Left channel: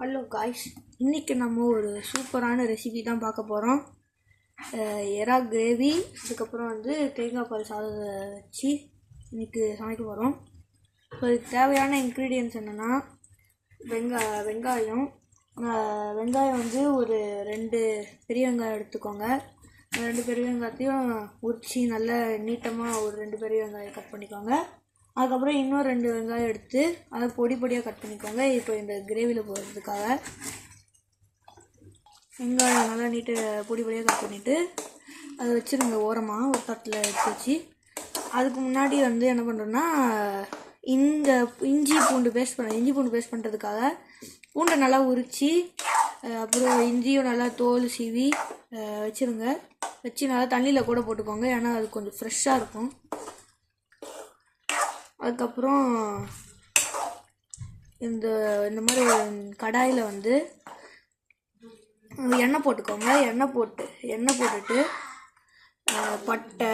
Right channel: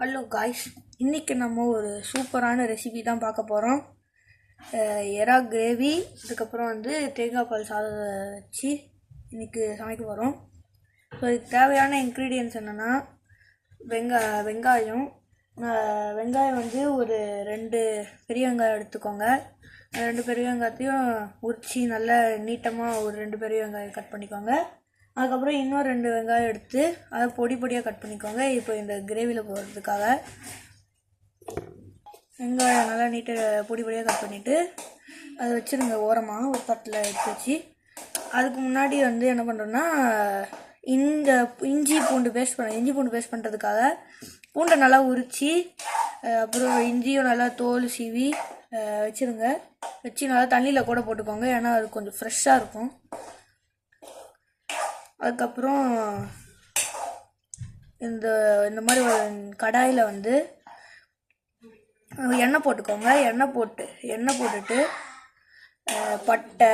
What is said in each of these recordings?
Hello guys, இன்றைக்கி நம்ம ஒரு சூப்பரான ரெசிபி தான் பார்க்க போகிறோம். எறா கிரேவி, அதுக்கப்புறம் தேங்காய் பால் சாதம் வச்சு இன்றைக்கி சமைக்க போகிறோம். ஸோ இதுக்கு தேவையான இன்க்ரீடியன்ட்ஸ் என்னென்னா வெங்காயம் ஒரு 2 பெரிய வெங்காயம் எடுத்துக்கோங்க. 2 பெரிய வெங்காயத்தையும் உரித்து நல்லா நீட்டமாக ஒரு 2 பெரிய வெங்காயம் கட் பண்ணிக்கோங்க. அதுக்கப்புறம் இன்னும் 2 வெங்காயம் எடுத்து அதை பொடியாக கட் பண்ணிக்கோங்க. இப்போ இந்த கிரேவியில் போடுறதுக்காக வெங்காயம் நல்லா பொடியாக கட் பண்ணிவிட்டு அதை வச்சுருங்க ஓரமாக ஒரு தட்டில் எடுத்து வச்சு. அதுக்கு முன்னாடி என்ன பண்ணுறோன்னா, இந்த இஞ்சி பூண்டு பேஸ்ட் பண்ணுறதுக்காக பூண்டை நல்லா உரித்து, அப்புறம் இஞ்சியும் நல்லா தோல் சீவி வச்சு நல்லா தண்ணியில் கூட போட்டுக்கோங்க. ஏன்னா அது கொஞ்சம் ஃப்ரெஷ்ஷாக இருக்கும். அதுக்கப்புறம் இந்த மாதிரி ஒரு கடாயில் எண்ணெய் போட்டுக்கோங்க. எண்ணெய் போட்டுட்டு பட்டை,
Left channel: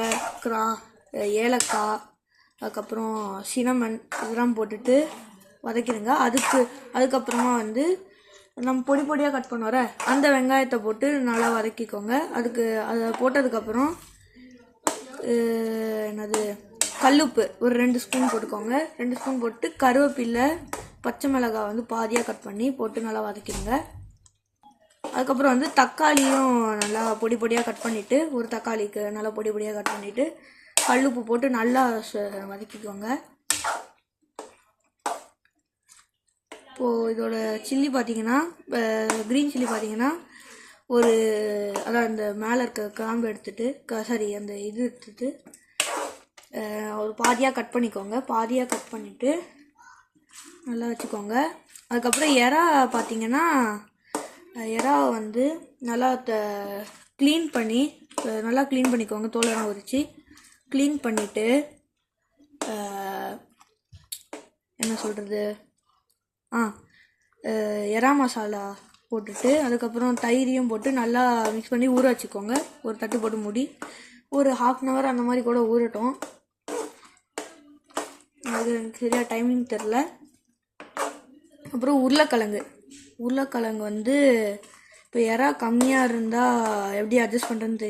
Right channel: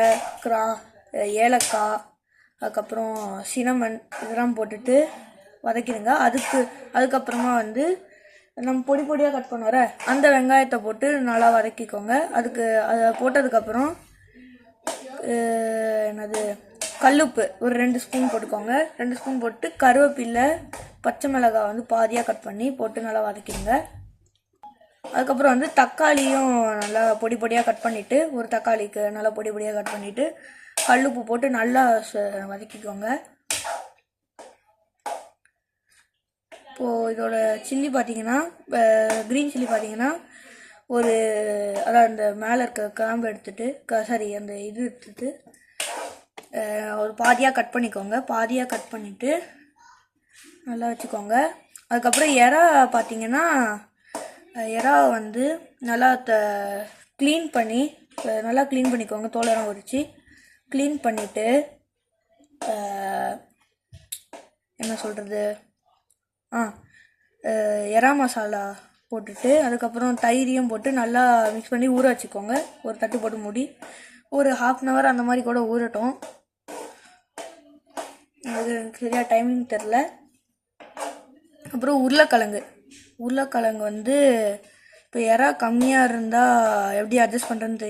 ஏலக்காய், அதுக்கப்புறம் சினமன் இதெல்லாம் போட்டுட்டு வதக்கிடுங்க. அதுக்கப்புறமா நம்ம பொடியாக கட் பண்ணுவோற அந்த வெங்காயத்தை போட்டு நல்லா வதக்கிக்கோங்க. அதை போட்டதுக்கப்புறம் கல்லுப்பு ஒரு 2 ஸ்பூன் போட்டுக்கோங்க. 2 ஸ்பூன் போட்டு கருவேப்பிலை, பச்சை மிளகாய் பாதியாக கட் பண்ணி போட்டு நல்லா வதக்கிடுங்க. அதுக்கப்புறம் தக்காளியும் நல்லா பொடியாக கட் பண்ணிவிட்டு, ஒரு தக்காளிக்கு நல்லா பொடியாக கட் பண்ணிவிட்டு கல்லுப்பு போட்டு நல்லா வதக்கிக்கோங்க. இப்போது இதோட சில்லி பார்த்தீங்கன்னா, க்ரீன் சில்லி பார்த்தீங்கன்னா அந்த மேலே இருக்க கிராம்பு எடுத்துட்டு அந்த இது எடுத்துட்டு ஒரு பாதியாக கட் பண்ணிக்கோங்க. பாதியாக கட் பண்ணிவிட்டு நல்லா வச்சுக்கோங்க. அதுக்கப்புறம் எறா பார்த்தீங்கன்னா, எறா நல்லா க்ளீன் பண்ணிக்கோங்க. தோலெல்லாம் உரித்து க்ளீன் பண்ணிவிட்டு என்ன சொல்கிறது, எறா மசாலா போட்டுட்டு அதுக்கப்புறம் தயிரையும் போட்டு நல்லா மிக்ஸ் பண்ணி ஊற வச்சுக்கோங்க. ஒரு தட்டு போட்டு மூடி ஒரு 1/2 hour அந்த மாதிரி கூட ஊறட்டும். அது எனக்கு சரியாக டைமிங் தெரில. அப்புறம் உருளைக்கிழங்கு இப்போ எறா கம்மியாக இருந்தால் எப்படி அட்ஜஸ்ட் பண்ணுறதுன்னு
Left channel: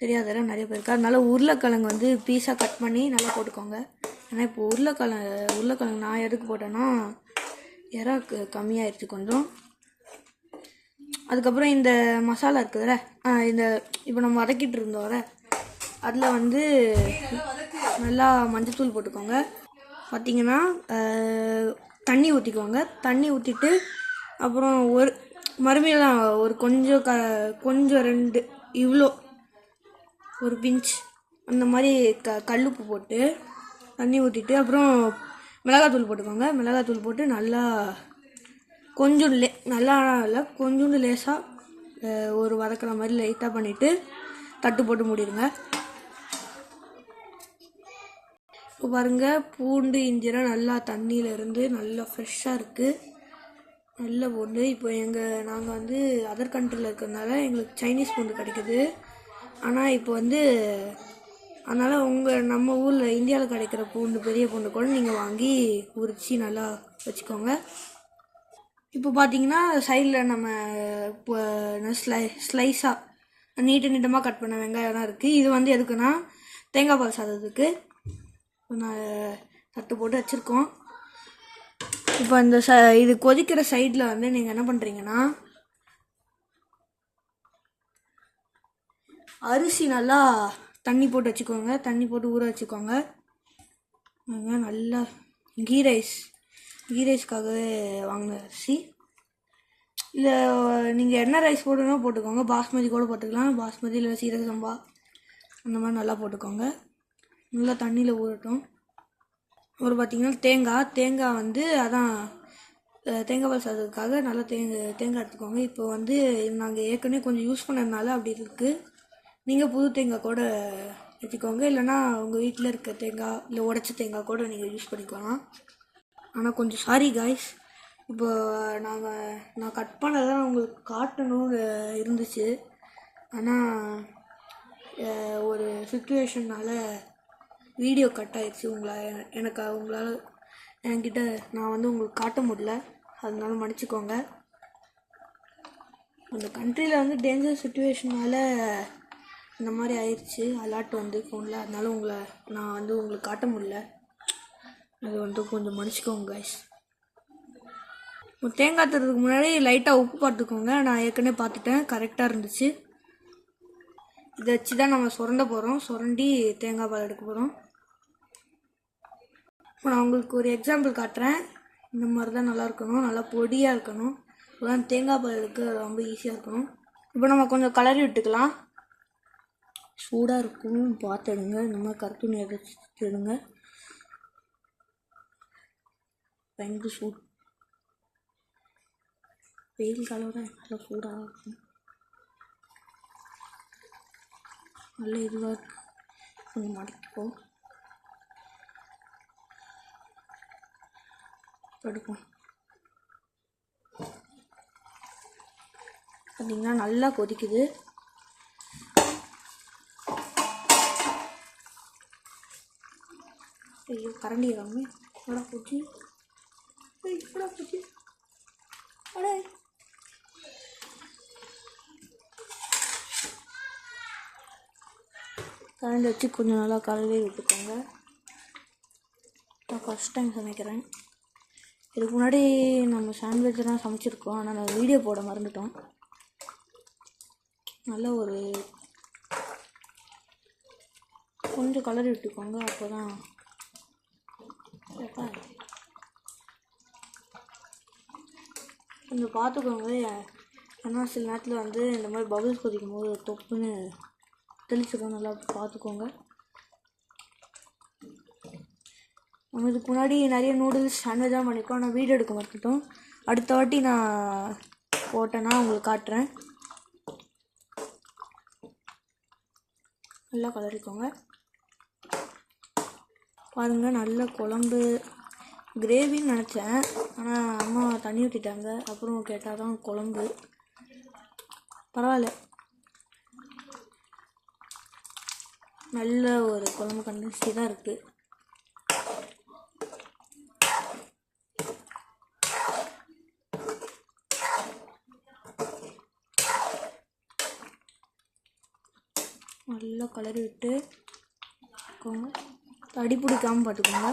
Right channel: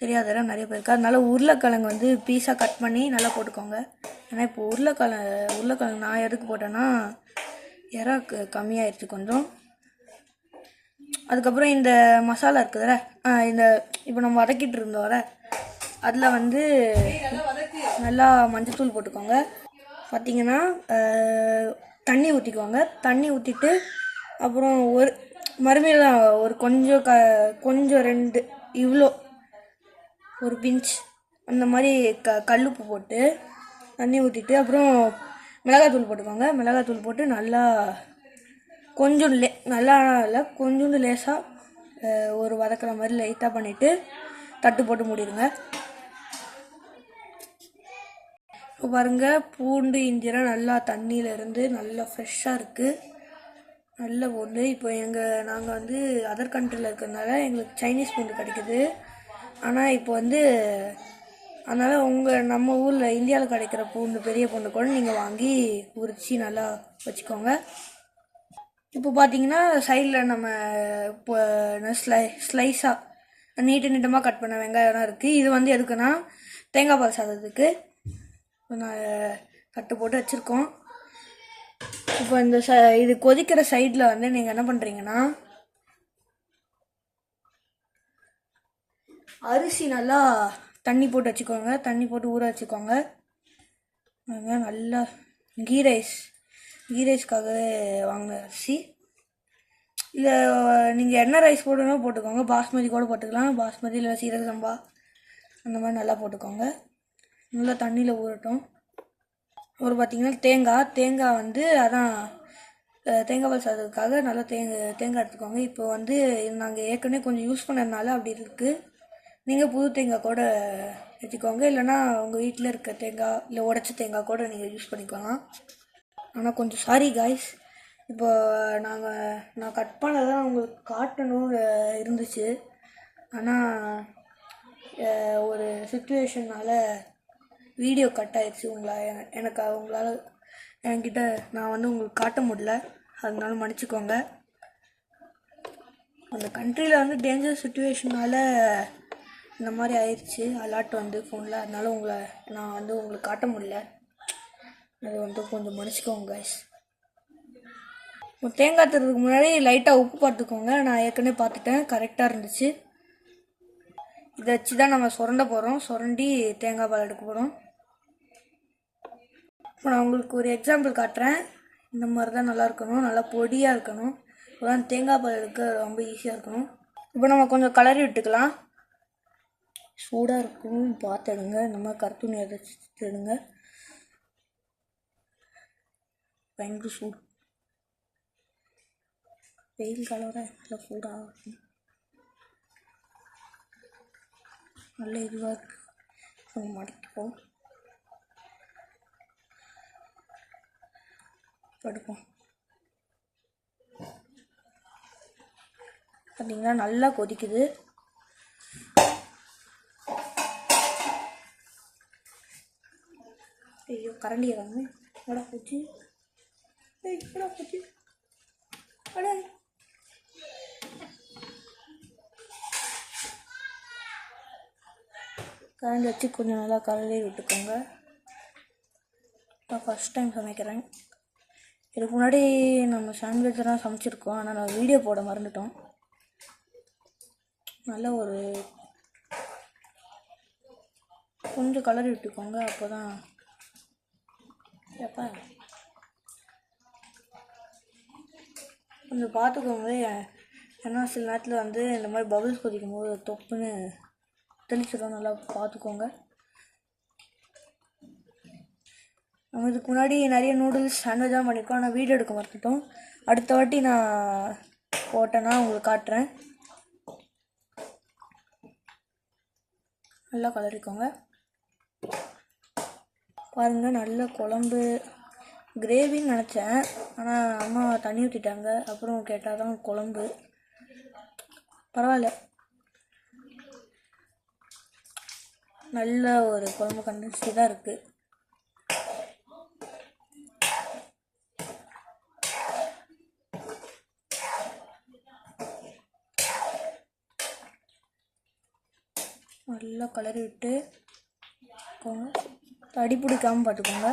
தெரியாத நிறைய பேருக்கு. அதனால உருளைக்கிழங்கு பீஸாக கட் பண்ணி நல்லா போட்டுக்கோங்க. ஏன்னா இப்போ உருளைக்கிழங்கு நான் எதுக்கு போட்டேன்னா, எறா கம்மியாகிடுச்சு கொஞ்சம். அதுக்கப்புறம் இந்த மசாலா இருக்குதுல்ல, இப்போ நம்ம வதக்கிட்டு இருந்தோம் அதில் நல்லா மஞ்சத்தூள் போட்டுக்கோங்க. பார்த்தீங்கன்னா தண்ணி ஊற்றிக்கோங்க. தண்ணி ஊற்றிட்டு அப்புறம் மறுபடியும் ஒரு கொஞ்சம் 2 இவ்வளோ ஒரு பிஞ்ச் அந்த மாதிரி கல்லுப்பு போட்டு தண்ணி ஊற்றிட்டு அப்புறம் மிளகாத்தூள் போட்டுக்கோங்க. மிளகாத்தூள் போட்டு நல்லா கொஞ்சோண்டு லேசாக ஒரு வதக்கிற மாதிரி லைட்டாக பண்ணிவிட்டு தட்டு போட்டு மூடிடுங்க. இப்போ பாருங்கள், பூண்டு இஞ்சிலாம் நல்லா தண்ணியிலேருந்து நல்லா ஃப்ரெஷ்ஷாக இருக்குது. நல்ல பூண்டு. இப்போ நாங்கள் அதர் கண்ட்ரியில் இருக்கிறதுனால எங்களுக்கு சைனீஸ் பூண்டு கிடைக்குது. ஆனால் இப்போ அதனால் நம்ம ஊரில் இந்தியாவில் கிடைக்கிற பூண்டு, பெரிய பூண்டு கூட நீங்கள் வாங்கி உரித்து நல்லா வச்சுக்கோங்க. இப்போ பார்த்தீங்கன்னா சைடில் நம்ம இப்போ ஸ்லைஸாக நீட்டமாக கட் பண்ண வெங்காயம்லாம் இருக்குது. இது எதுக்குன்னா தேங்காய் பால் சாதத்துக்கு கட்டு போட்டு வச்சுருக்கோம். இப்போ இது கொதிக்கிற சைடில் நீங்கள் என்ன பண்ணுறீங்கன்னா, அரிசி நல்லா தண்ணி போட்டு வச்சுக்கோங்க. தண்ணி போட்டு ஊற வச்சுக்கோங்க. நல்லா கீ ரைஸ்க்காக வாங்கின அரிசி. இல்லை நீங்கள் என்ன ரைஸ் போடணும் போட்டுக்கோங்க. பாஸ்மதி கூட போட்டுக்கலாம். பாஸ்மதி இல்லை சீரக சம்பா அந்த மாதிரி நல்லா போட்டுக்கோங்க. நல்லா தண்ணியில் ஊறட்டும். அப்புறம் பார்த்தீங்கன்னா தேங்காய் அதான் தேங்காய் பால் சாதத்துக்காக நல்லா தேங்காய் எடுத்துக்கோங்க. இப்போ நாங்கள் ஏற்கனவே கொஞ்சம் யூஸ் பண்ணதுனால அப்படி இருக்குது. நீங்கள் புது தேங்காய் கூட வச்சுக்கோங்க. இல்லைனா உங்கள் வீட்டில் இருக்க தேங்காய் இல்லை உடச்ச தேங்காய் கூட நீங்கள் யூஸ் பண்ணிக்கலாம். ஆனால் கொஞ்சம் சாரி காய்ஸ், இப்போ நான் கட் பண்ணதான் உங்களுக்கு காட்டணும்னு இருந்துச்சு. ஆனால் ஒரு சுச்சுவேஷனால் வீடியோ கட் ஆகிடுச்சு. உங்களால் என்கிட்ட நான் உங்களுக்கு காட்ட முடியல. அதனால மன்னிச்சுக்கோங்க. அந்த கண்ட்ரியில் வந்து டேஞ்சர் சுச்சுவேஷனால் இந்த மாதிரி ஆயிடுச்சு அலர்ட் வந்து ஃபோனில். அதனால நான் வந்து உங்களுக்கு காட்ட முடியல. அது வந்து கொஞ்சம் மன்னிச்சிக்கோங்க கைஸ். தேங்காய் தரதுக்கு முன்னாடி லைட்டாக உப்பு பார்த்துக்கோங்க. நான் ஏற்கனவே பார்த்துட்டேன், கரெக்டாக இருந்துச்சு. இதை வச்சு தான் நம்ம சுரண்ட போகிறோம். சுரண்டி தேங்காய் பால் எடுக்க போகிறோம். இப்போ நான் உங்களுக்கு ஒரு எக்ஸாம்பிள் காட்டுறேன். இந்த மாதிரி தான் நல்லா இருக்கணும், நல்லா பொடியாக இருக்கணும். இப்போதான் தேங்காய் பால் எடுக்க ரொம்ப ஈஸியாக இருக்கணும். இப்போ நம்ம கொஞ்சம் கலரி விட்டுக்கலாம். சூடாக இருக்கணும்னு பார்த்து எடுங்க. இந்த மாதிரி கருத்துணி எதாச்சும் எடுங்க. பயங்கர சூடு, வெயில் காலம் நல்லா சூடாக இருக்கும். நல்ல இதுவாக இருக்கு. கொஞ்சம் மடக்கிப்போம், எடுப்போம். பார்த்தீங்கன்னா நல்லா கொதிக்குது. ஐயோ கரண்டி ஏறாம இவ்வளோ போச்சு, இவ்வளோ போச்சு. அடே கரண்டி வச்சு கொஞ்சம் நல்லா கலரி விட்டுக்கோங்க. நான் ஃபஸ்ட் டைம் சமைக்கிறேன். இதுக்கு முன்னாடி நம்ம சாண்ட்விச் தான் சமைச்சிருக்கோம், ஆனால் நான் வீடியோ போட மறந்துட்டோம். நல்ல ஒரு கொஞ்சம் கலரி விட்டுக்கோங்க. அப்போ தான் எப்போ கொஞ்சம் பார்த்துக்கோங்க. ஏன்னா சில நேரத்தில் வந்து இந்த மாதிரி பபிள்ஸ் கொதிக்கும் போது தொப்புன்னு தெளிச்சிடும். நல்லா பார்த்துக்கோங்க. நம்ம இதுக்கு முன்னாடி நிறைய நூடுல்ஸ் சாண்ட்விச் தான் பண்ணியிருக்கோம், ஆனால் வீடியோ எடுக்க மறந்துட்டோம். அடுத்த வாட்டி நான் போட்டேன்னா உங்களுக்கு காட்டுறேன். நல்லா கலரிக்கோங்க. பாருங்கள், நல்ல குழம்பு கிரேவின்னு நினச்சேன், ஆனால் அம்மா தண்ணி ஊற்றிட்டாங்க. அப்புறம் கேட்டால் தான் குழம்பு. பரவாயில்ல, நல்ல ஒரு குழம்பு கண்டிச்சு தான் இருக்குது. நல்லா கலரி விட்டு அடி பிடிக்காமல் பார்த்துக்கோங்க.